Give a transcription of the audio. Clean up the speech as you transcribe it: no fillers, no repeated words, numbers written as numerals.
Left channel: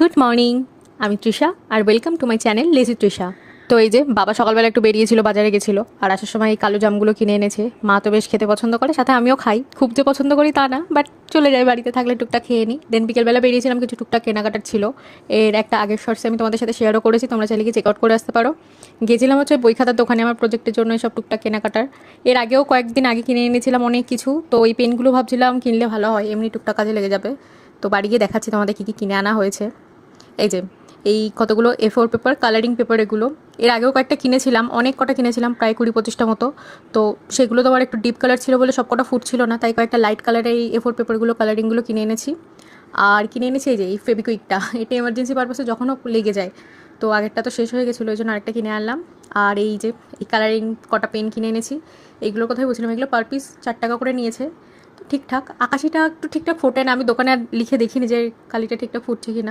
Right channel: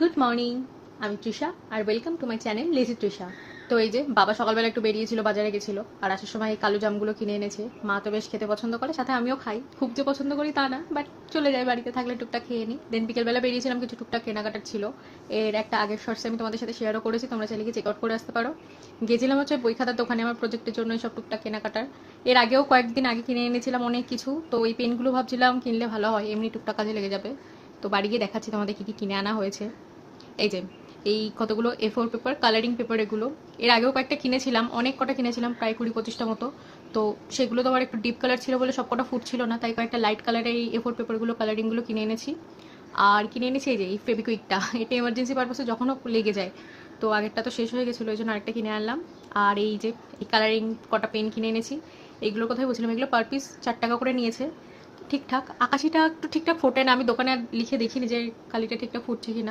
Good morning, আমি তৃষা আর welcome to my channel lazy Trisha. তো এই যে বাবা সকালবেলা একটু বেরিয়েছিল, বাজারে গেছিলো, আর আসার সময় এই কালো জামগুলো কিনে এনেছে। মা তো বেশ খেতে পছন্দ করে, সাথে আমিও খাই। খুব যে পছন্দ করি তা না, বাট চলে যায়, বাড়িতে থাকলে টুকটাক খেয়ে নিই। দেন বিকেলবেলা বেরিয়েছিলাম, কিছু টুকটাক কেনাকাটার ছিল। এর একটা আগের শর্টসে আমি তোমাদের সাথে শেয়ারও করেছি, তোমরা চাইলে কি চেক আউট করে আসতে পারো। গেছিলাম হচ্ছে বই খাতার দোকানে আমার প্রজেক্টের জন্য সব টুকটাক কেনাকাটার। এর আগেও কয়েকদিন আগে কিনে এনেছিলাম অনেক কিছু, তো ওই পেনগুলো ভাবছিলাম কিনলে ভালো হয়, এমনি টুকটাক কাজে লেগে যাবে। তো বাড়ি গিয়ে দেখাচ্ছি তোমাদের কী কী কিনে আনা হয়েছে। এই যে এই কতগুলো A4 পেপার, কালারিং পেপার, এগুলো এর আগেও কয়েকটা কিনেছিলাম, অনেক কটা কিনেছিলাম, প্রায় 20-25টা মতো। তো সেগুলো তো আমার একটু ডিপ কালার ছিল বলে সব কটা ফুট ছিল না, তাই কয়েকটা লাইট কালারের এই A4 পেপারগুলো, কালারিংগুলো কিনে এনেছি। আর কিনে এনেছি এই যে এই ফেবিকুইকটা, এটা এমার্জেন্সি পারপাসে যখনও লেগে যায়। তো আগেরটা তো শেষ হয়ে গেছিলো, ওই জন্য আরেকটা কিনে আনলাম। আর এই যে এই কালারিং কটা পেন কিনে এনেছি। এইগুলো কোথায় বলছিলাম, এগুলো পার পিস 4 টাকা করে নিয়েছে। তো ঠিকঠাক, আকাশিটা একটু ঠিকঠাক ফোটে না, আমি দোকানে আর লিখে দেখিনি যে কালিটা ঠিকঠাক ফুটছে কি না।